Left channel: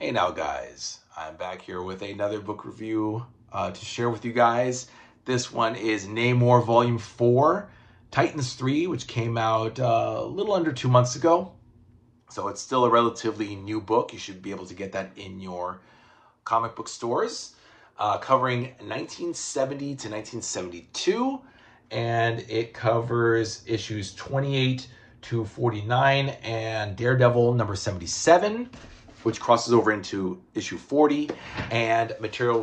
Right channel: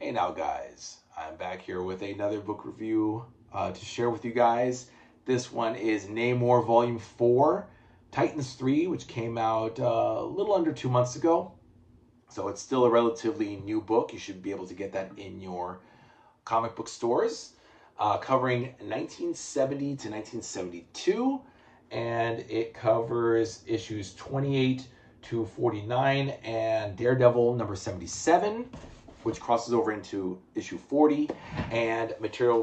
Hey now guys, I'm back here with another book review to share with you guys. This one is NAMOR Volume 4, Titans 3, which came out a little under 2 months ago. So it's still a relatively new book. You should be able to get that in your comic book stores. Covering 1970 to 1972, and it covers issues 28 to 49 and Daredevil number 77, which crosses over into issue 40, and material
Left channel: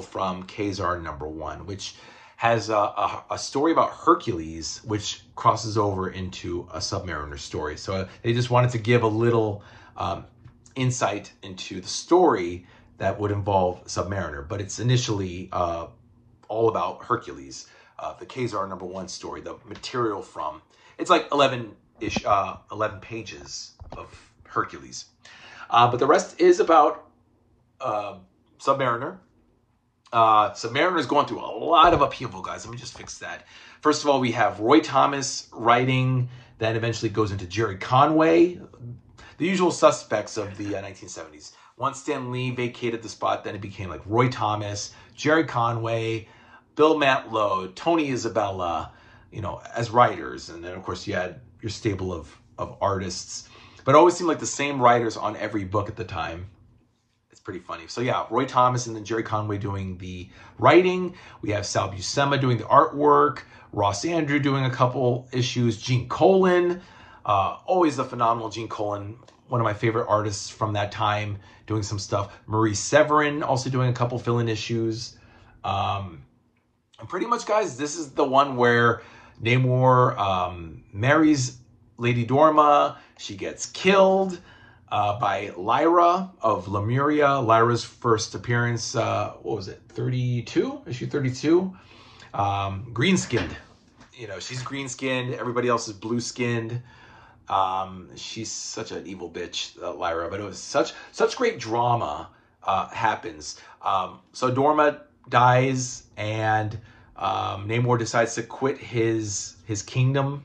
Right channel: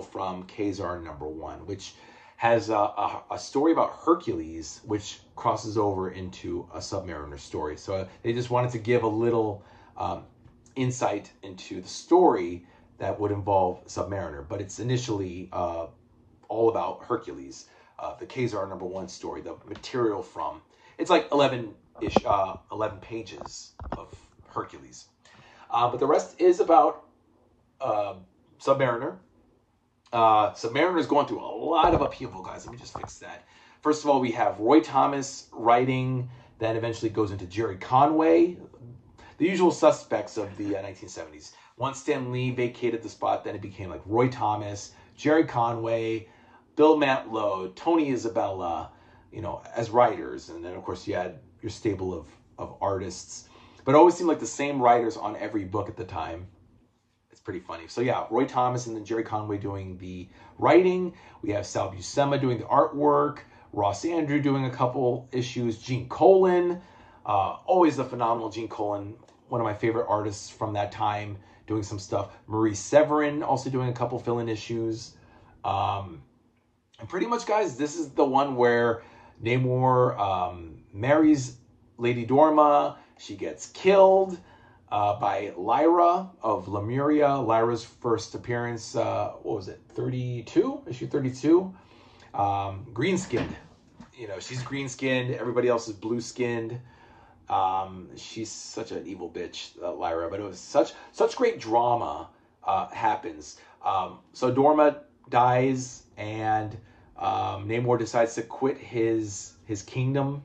from Kazar number 1, which has a story about Hercules, which crosses over into a Submariner story. So they just wanted to give a little insight into the story that would involve Submariner, but it's initially all about Hercules, the Kazar number 1 story, the material from. It's like 11 pages of Hercules. But the rest is about Submariner. Submariner is going through a lot of upheaval, guys. Let me just fix that. First of all, we have Roy Thomas writing, then eventually goes into Jerry Conway, the usual suspects of the 1970s. Once Stan Lee vacated the spot, then it became like Roy Thomas, Jerry Conway, Bill Mantlo, Tony Isabella, as writers. And then, of course, you had your stable of artists. But it always seemed like the same writers on every book at the time. It's pretty funny. So yeah, Roy Thomas and then Jerry Conway doing the writing. We have Sal Buscema doing the artwork. Ross Andrew doing a couple issues. Gene Colan, always a phenomenal Gene Colan, one of my favorite artists from that time, doing some stuff. Marie Severin also doing a couple fill-in issues. And pretty much, guys, this is the one where Namor marries Lady Dorma. She gets killed by Lyra of Lemuria. Lyra's first appearance, what was it, 32? Issue 32? Green-skinned. She's green-skinned. Everybody else is blue-skinned. She's such an evil bitch, Lyra, but it was such great drama happens. So Dorma dies, and Namor decides to quit his kingdom.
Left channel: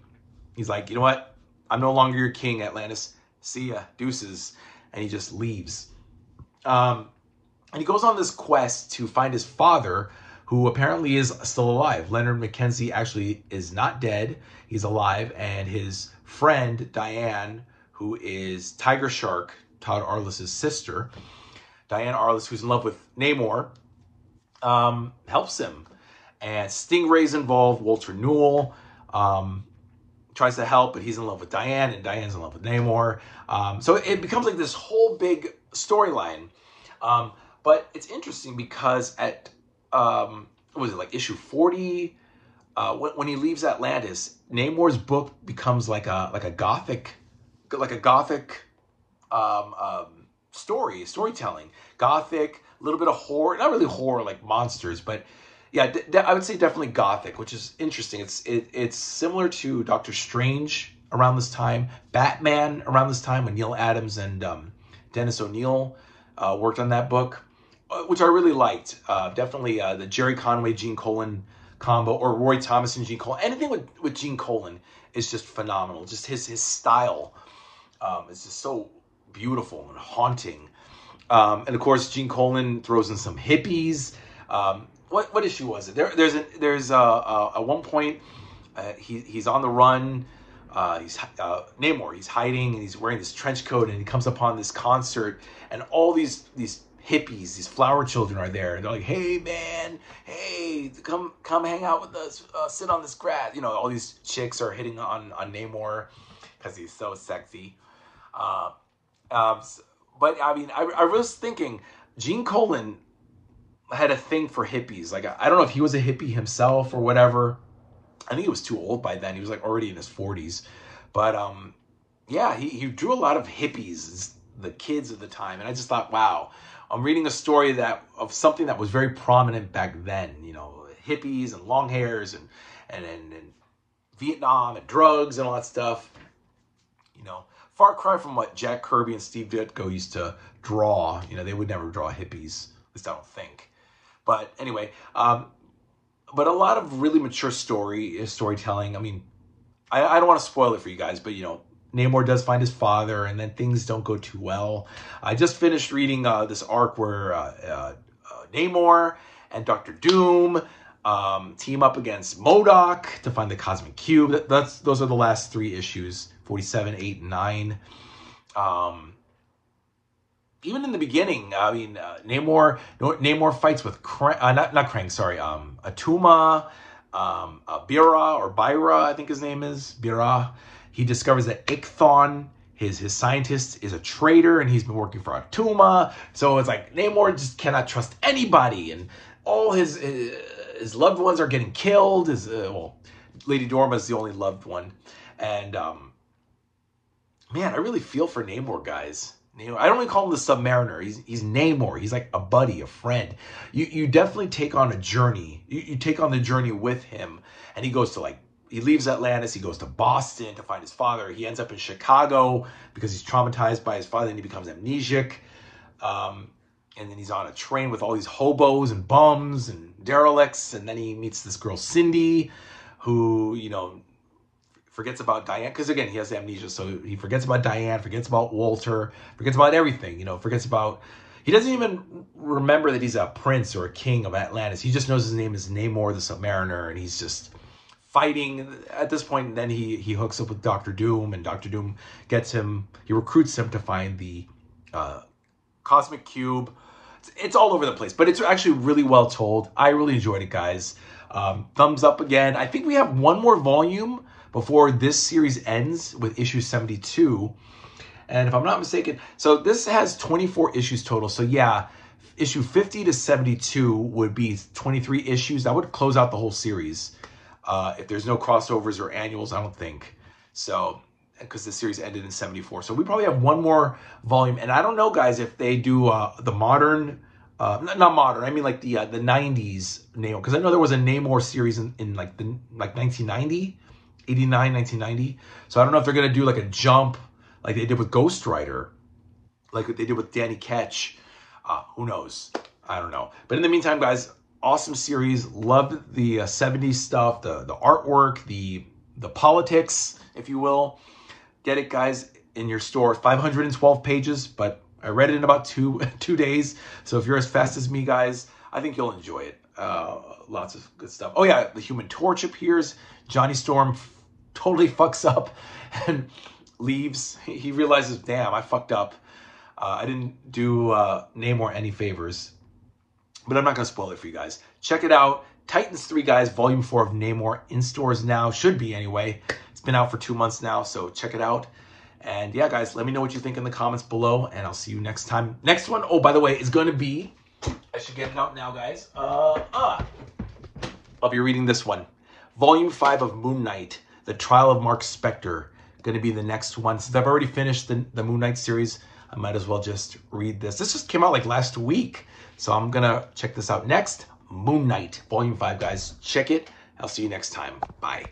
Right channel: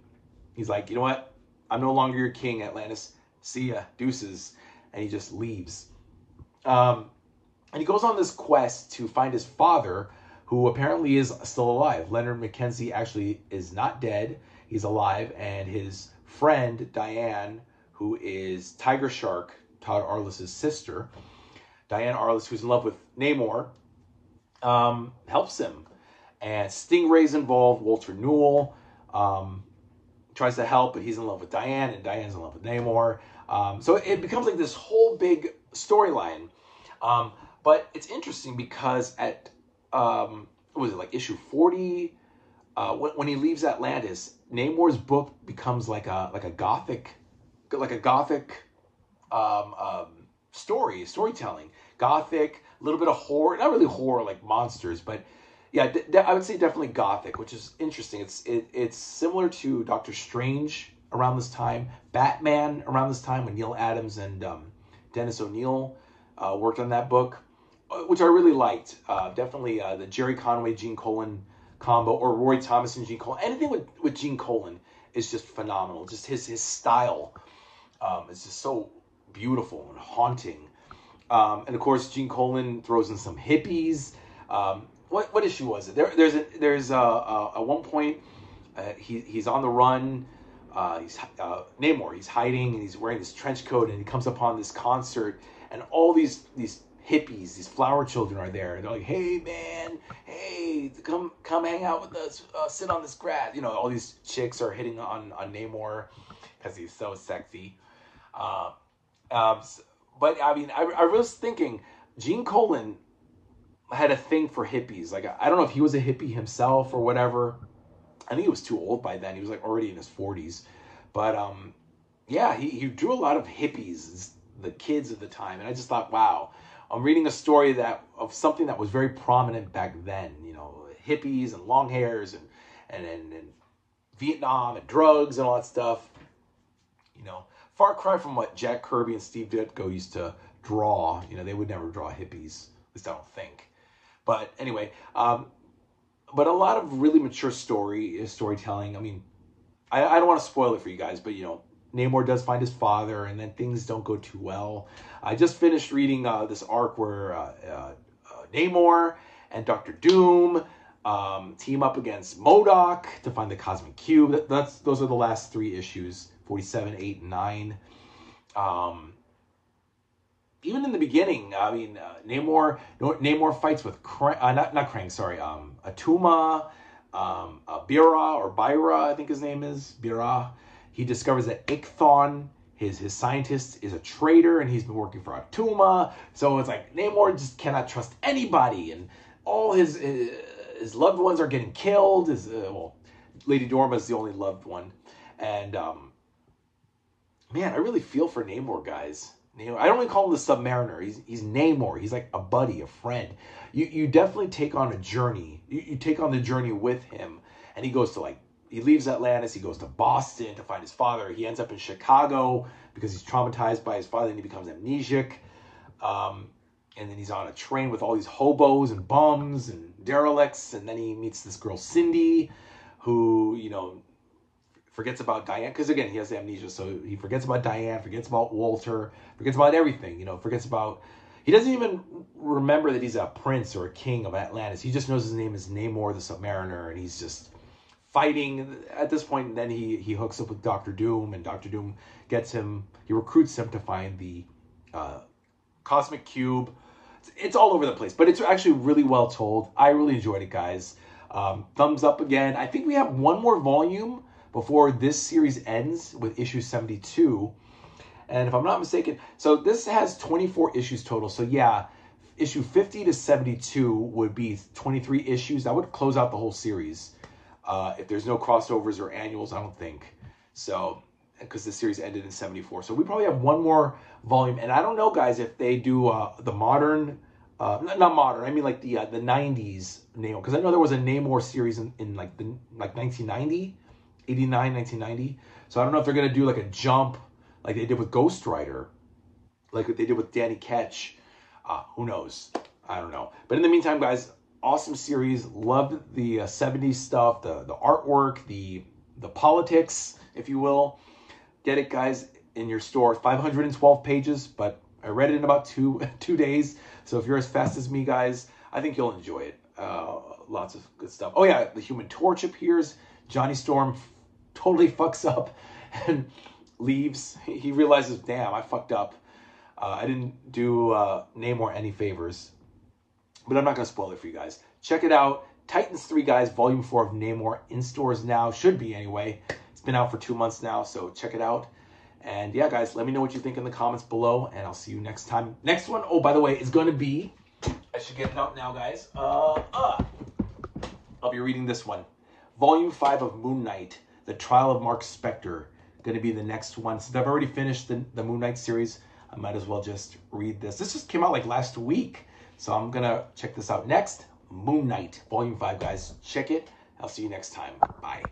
He's like, you know what? I'm no longer your king, Atlantis. See ya, deuces. And he just leaves. And he goes on this quest to find his father, who apparently is still alive. Leonard Mackenzie actually is not dead. He's alive. And his friend, Diane, who is Tiger Shark, Todd Arliss' sister, Diane Arliss, who's in love with Namor, helps him. And Stingray's involved, Walter Newell, tries to help, but he's in love with Diane, and Diane's in love with Namor. So it becomes like this whole big storyline. But it's interesting because at, what was it, like issue 40, when he leaves Atlantis, Namor's book becomes like a gothic storytelling. Gothic, a little bit of horror, not really horror like monsters, but yeah, I would say definitely gothic, which is interesting. It's similar to Doctor Strange around this time, Batman around this time, when Neil Adams and Dennis O'Neil worked on that book, which I really liked. Definitely the Jerry Conway, Gene Colan combo, or Roy Thomas and Gene Colan. Anything with Gene Colan is just phenomenal. Just his style is just so beautiful and haunting. And of course, Gene Colan throws in some hippies. What issue was it? There's at one point he's on the run. He's Namor. He's hiding and he's wearing this trench coat, and he comes upon this concert, and all these hippies, these flower children are there, and they're like, "Hey man, hey, come hang out with us, sit on this grass." All these chicks are hitting on Namor because he's so sexy. But I mean, I was thinking Gene Colan had a thing for hippies. Like, I don't know if he was a hippie himself or whatever. I think he was too old by then. He was like already in his 40s. But yeah, he drew a lot of hippies, the kids of the time. And I just thought, wow, I'm reading a story of something that was very prominent back then. Hippies and long hairs and Vietnam and drugs and all that stuff. Far cry from what Jack Kirby and Steve Ditko used to draw. They would never draw hippies. At least I don't think. But anyway, but a lot of really mature storytelling. I mean, I don't want to spoil it for you guys, but Namor does find his father, and then things don't go too well. I just finished reading this arc where Namor and Doctor Doom team up against MODOK to find the Cosmic Cube. Those are the last 3 issues, 47, 8, and 9. Even in the beginning, I mean, Namor fights with Atuma, Bira or Byra, I think his name is, Bira. He discovers that Ichthon, his scientist, is a traitor, and he's been working for Atuma. So it's like Namor just cannot trust anybody, and all his loved ones are getting killed. Well, Lady Dorma's the only loved one, and man, I really feel for Namor, guys. I don't even call him the Submariner. He's Namor. He's like a buddy, a friend. You definitely take on a journey. You take on the journey with him, and he goes to he leaves Atlantis. He goes to Boston to find his father. He ends up in Chicago because he's traumatized by his father, and he becomes amnesiac. And then he's on a train with all these hobos and bums and derelicts, and then he meets this girl Cindy, who forgets about Diane, because again, he has amnesia, so he forgets about Diane, forgets about Walter, forgets about everything, he doesn't even remember that he's a prince or a king of Atlantis. He just knows his name is Namor the Submariner, and he's just fighting at this point. And then he hooks up with Doctor Doom, and Doctor Doom he recruits him to find the Cosmic Cube. It's all over the place, but it's actually really well told. I really enjoyed it, guys. Thumbs up again. I think we have one more volume before this series ends with issue 72. And if I'm not mistaken, so this has 24 issues total. So yeah, issue 50 to 72 would be 23 issues. That would close out the whole series. If there's no crossovers or annuals, I don't think. So, because the series ended in 74. So we probably have one more volume. And I don't know, guys, if they do the modern, not modern, I mean like the 90s Namor. Because I know there was a Namor series in like 1990. 89, 1990. So I don't know if they're going to do like a jump like they did with Ghost Rider, like what they did with Danny Ketch. Who knows? I don't know. But in the meantime, guys, awesome series. Loved the 70s stuff, the artwork, the politics, if you will. Get it, guys, in your store. 512 pages, but I read it in about two days. So if you're as fast as me, guys, I think you'll enjoy it. Lots of good stuff. Oh yeah, the Human Torch appears. Johnny Storm totally fucks up and leaves. He realizes, damn, I fucked up. I didn't do Namor any favors. But I'm not going to spoil it for you guys. Check it out. Titans 3, guys, Volume 4 of Namor in stores now. Should be, anyway. It's been out for 2 months now, so check it out. And yeah, guys, let me know what you think in the comments below, and I'll see you next time. Next one, oh, by the way, is going to be... I should get it out now, guys. I'll be reading this one. Volume 5 of Moon Knight, The Trial of Mark Spector. Going to be the next one. Since I've already finished the Moon Knight series, I might as well just read this. This just came out like last week, so I'm going to check this out next. Moon Knight, Volume 5, guys. Check it. I'll see you next time. Bye.